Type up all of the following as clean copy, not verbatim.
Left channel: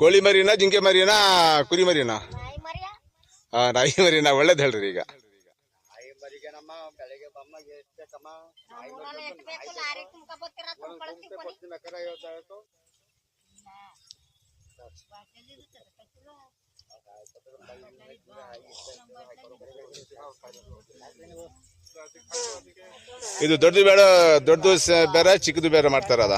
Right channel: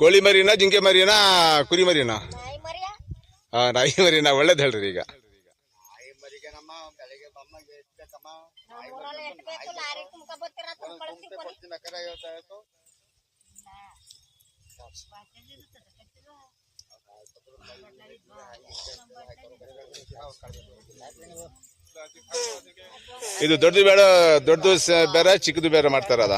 ಕೋಳಿ ಮರಿನಾ ಜಿಂಕೆ ಮರಿನಾ ಕುರಿ ಮರಿನಾ? ನಾಯಿ ಮರಿನಾ? ಒಳ್ಳೇದ್ ಹೇಳ್ರಿ. ಈಗ ಇದು ದೊಡ್ಡದು ಬೇಡ, ದೊಡ್ಡದು ಬೇರೆ ಚಿಕ್ಕದು ಬೇರೆ ಮಾಡ್ತಾರ ಅದ?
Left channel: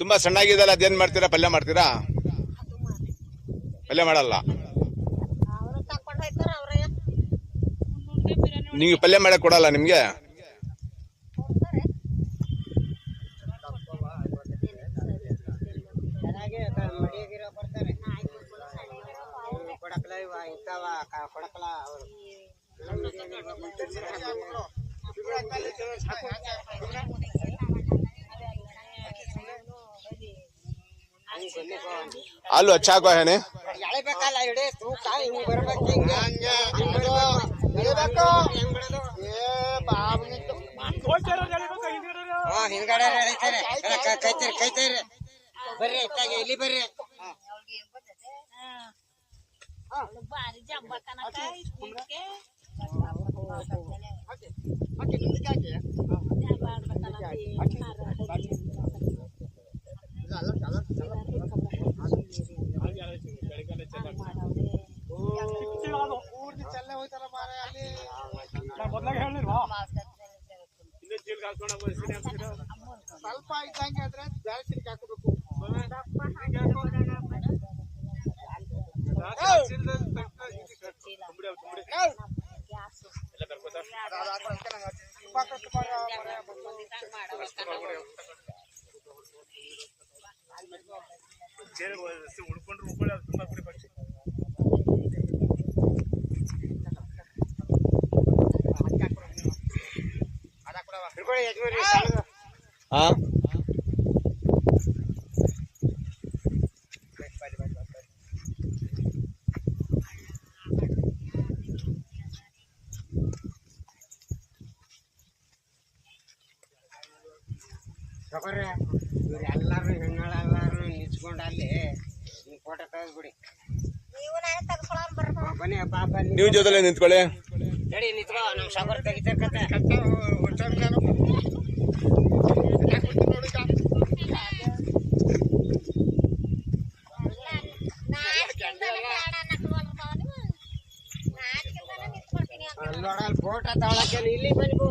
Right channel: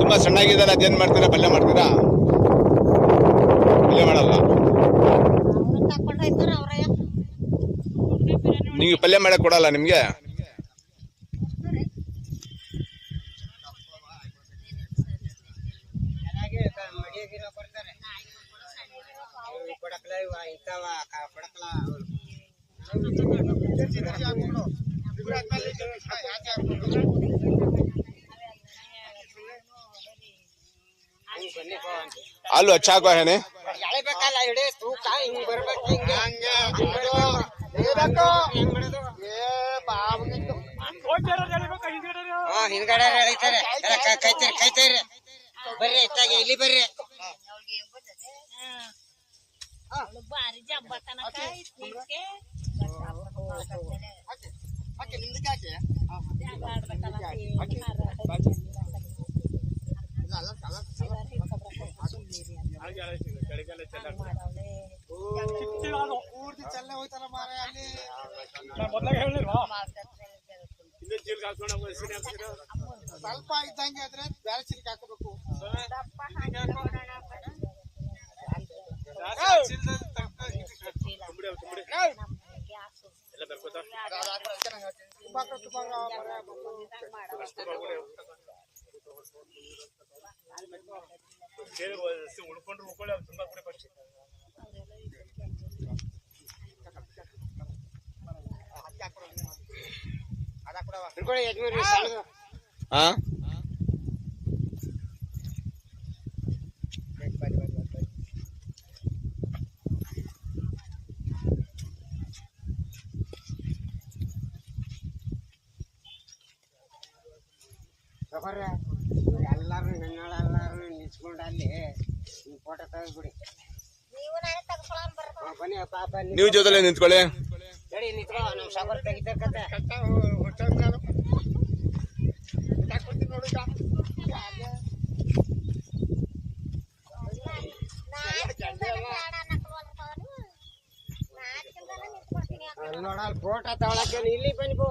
ತುಂಬಾ ಸಣ್ಣಾಗಿದಲ್ಲ, ಅದೇನ್ ಮಾಡ್ತೀರಾ? ಪಲ್ಯ ಮಾಡ್ತೀರಾ? ಪಲ್ಯ ಮಾಡಲ್ಲ. ನಿಮ್ಗೆ ಪಲ್ಯ ಮಾಡಕ್ ಕೊಡಲ್ಲ ನಿಮ್ಗೆ? आलू अच्छा को है ने ಸ್ವಲ್ಪ ಇದ್ದಂಗೆ ಆದ್ರೆ ಬ್ಯಾಸಿಗೆ ಹಾಕಬೇಕು. हाँ ಎಲ್ಲರೂ ಹೆಣ್ಣೆಲ್ಲರೂ ನಿಂತ್ಕೊಂಡು ಅಲ್ಲಿ ಫೋಟೋ ತೆಗೆದ್ಬಿಡಿ. ಬನ್ನಿ ಪಾಪ ನೀವು ಜೊತೆಲೆ ನಿಂತ್ಕೊಳ್ಳಿ. ನಡಿ ನಿಂತ್ಕೊ, ನಮ್ಮ ಸಾಗರ್ ತೆಗಿತಾರೆ ನೋಡ ಫೋಟೋ ತಗೊಳಕ್ಕೆ ಇಲ್ಲಿ ಬನ್ನಿ ಬೋ.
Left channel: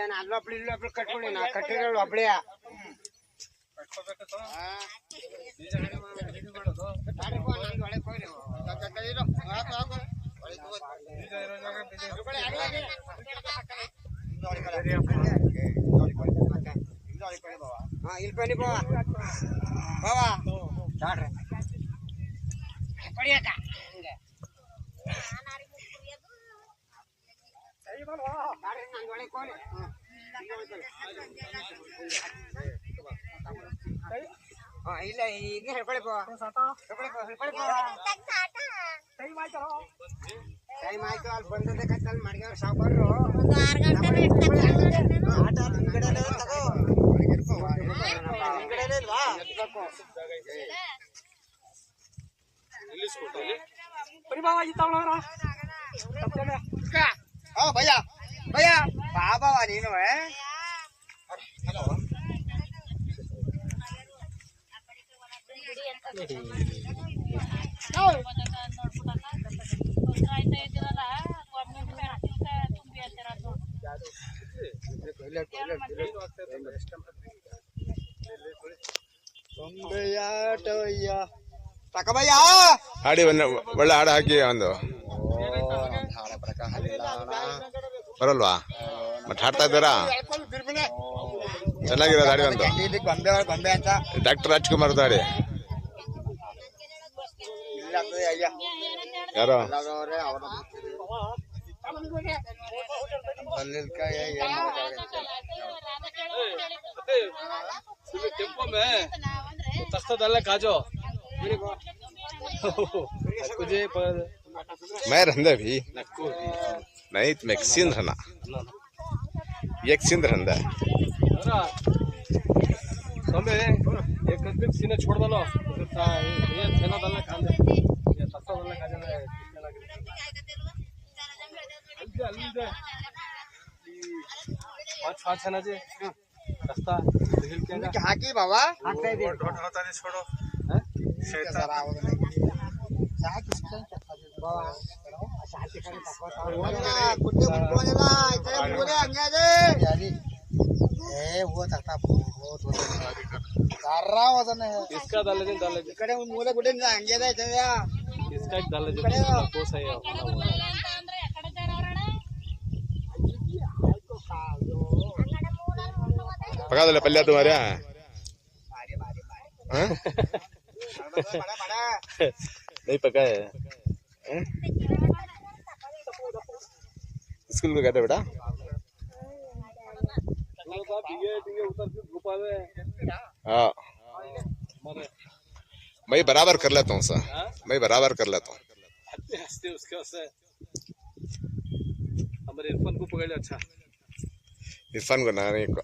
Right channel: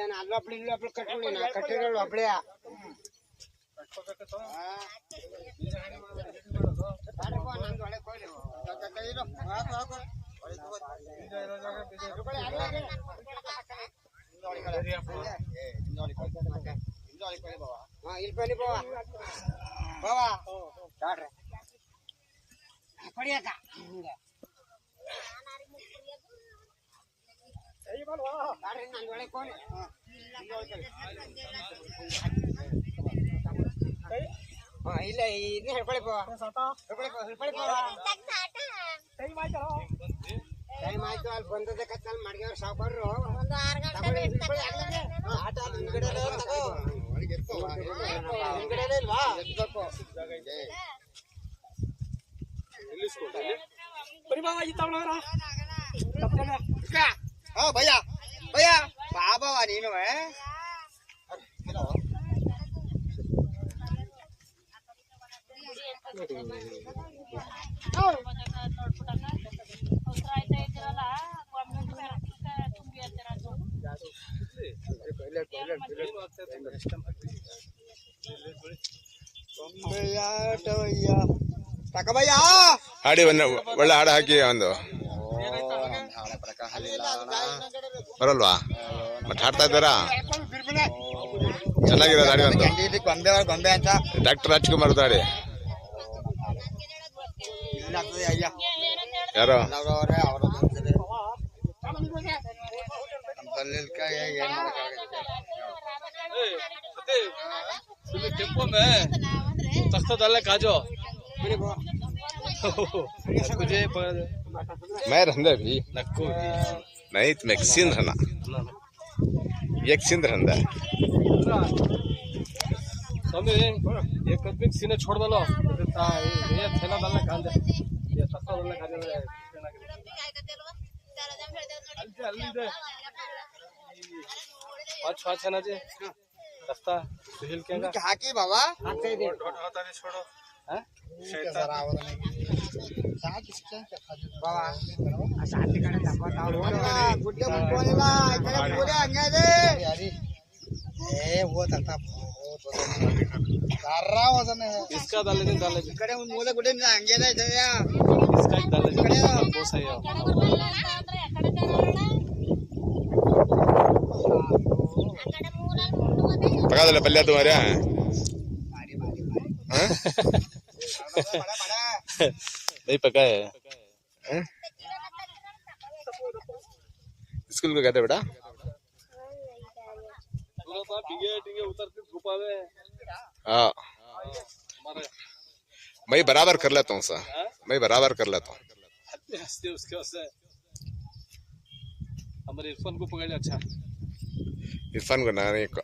ಏನ್ ಅಲ್ಲೊಬ್ಳು ಇಲ್ಲೊಬ್ಳು ಕಟ್ಕೊಳ್ಳಿ, ನಾ ಕಟ್ಟಿರೋಳು ಒಬ್ಳಿಯ ಇಲ್ಲಿ ಬನ್ನಿ ಬಾವ ಬಾವ ನೋಡ್ರಿ ಪಡಿಯಕ್ಕ ಹಿಂಗೆ ನಾನು ಒಳಗೆ ಕೋಣೆ ಇಲ್ಲ ಇದು ಹೇಳ್ಕೊಳ್ಳಿ ಬಾ ಟೈಮ್ ಆಯ್ತು. ಅಲ್ಲಿ ಬಂದದೆ ಕತ್ತಲ್ಲಿ ಮಡ್ಗವ್ರು ಸಾವುಕಾರರು ಒಂದು 6 ಗಂಟೆ ಆಟ ಹಿಂದ್ಗಡೆ ತಗೋ ಹಿಂದ್ಗಡೆ ಇಲ್ವಾ ಭಯ್ಯ ಭಯ್ಯ ಬಾ ಬಾವ ನೀನು. ಹಲೋ ಹಾಡಿ ಒಳ್ಳೆ ಹಾಡು ಹಾಕಿ ಒಂದು ಬರಲ್ವಾ? ಮತ್ತೆ ಹಾಡ್ತಾ ಇದ್ದಾರಾ? ಚೆನ್ನಾಗಿರೋದು ಹಾಡಿ ಒಂದು. ಡಾಕ್ಟರ್ ರಾಜ್ಕುಮಾರ್ ಹಾಡಿ. ಯಾರೋ ಏನ್ ಮಾಡಕ್ಕಾಗಲ್ಲ. टेम्पो में सस्ता डालना काजो कुछ मैं रहंदा भी नक्कू नहीं तो मैक्सिन रहना एक सिंध रहंदा समझे एक आदमी सीने छोड़ दलो ये थैला डालना कांदे ये सस्ता डालना काजो अलते अलते पाँच है ना जी सस्ता हिल के ಹಾಕಿ ಬಾಬಾ ಹಾಕ್ತಾ ಇದೆ ढोट होता नहीं छोड़ो ಶೈತಾನ ಸಾಕಿ ಬಾಬಾ ಶಾಂತಿ ಕಡೆ ಗುಡ್ಡೆ ಗುಡ್ಡೆ ಬಾ ಗುಡ್ಡೆ ಹಂಗೆ ಇದೆ ಏ वो तलता बहुत वजन सारा वजन है इसका डाल दे ಈ ಕಡೆ ಒಂದು ಮೂಲೆ ಗುಡ್ಡೆ ಹಂಗೆ ಇದೆ ಇದೆಯಾ इसका एक डाल दे वो सही है पका दे पल्ला तुम्हारे मारी मारी मारी हाँ बड़ा बड़ा नहीं पका है हाँ? स्कूल को कहते बेटा दोनों तो बिगे टिंगे उतर के गुफा में हाँ मारे मैं बराबर कर लेता हूँ सर मैं बराबर कर लेता हूँ हंसते हंसते उसके वजह हमारे इरफान को पकड़ लिया अच्छा इरफान को नानी को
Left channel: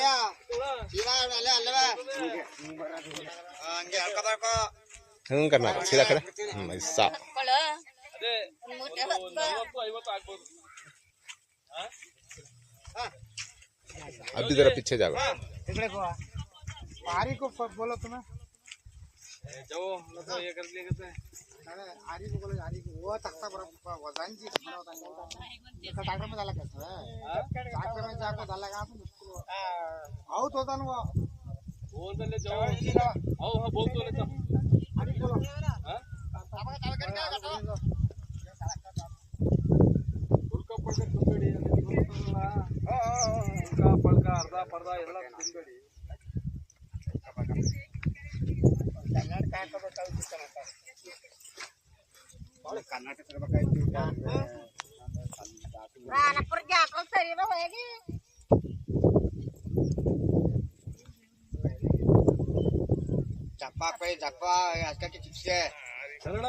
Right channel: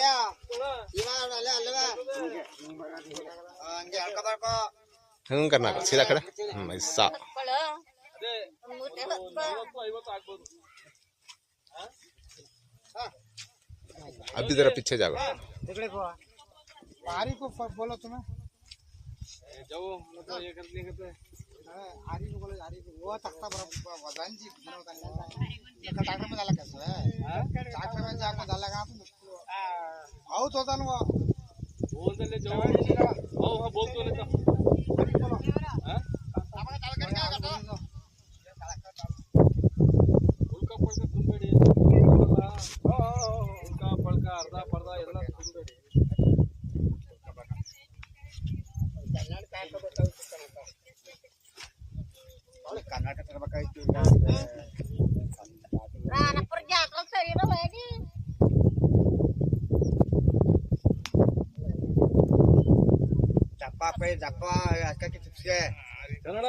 ಯಾ ಇಲ್ಲ ಅಲ್ಲ ಅಲ್ಲವಾ ಹಂಗೆ ಹೇಳ್ಕೊಬೇಕು हंग करना सीधा खड़ा ऐसा ಅದೇ 40-50 ಆಗ್ಬೋದು अभी जरा पीछे जाओ तिकडे आरी को बोलो तुम्हें जाओ मतलब ये कर लिए कहते आरी को बोलो आरी को वो तख्ता बरोबर वजन जी बनवता है एका टाकर में डाला कैसे टाकर में जाकर डाला का तो मुश्किल आउट होता ना वो बोल दे ले जाओ आओ हां बोल तो ले तो हां उनका पड़कर तुम्बेड़ी उनका पड़का अर्धा पर्दा ಎಲ್ಲ तुम्बेड़ी ಕನ್ನಡ ಕಾಯ್ತಾ ಕರ್ನಾಟಕ ಇರಬೇಕಾಯ್ತು ಚಪ್ಪ ಪೈ ಚಪ್ಪ ಅಕ್ಕಿ ಚಿಪ್ಸ್ಗೆ ಚಲಣ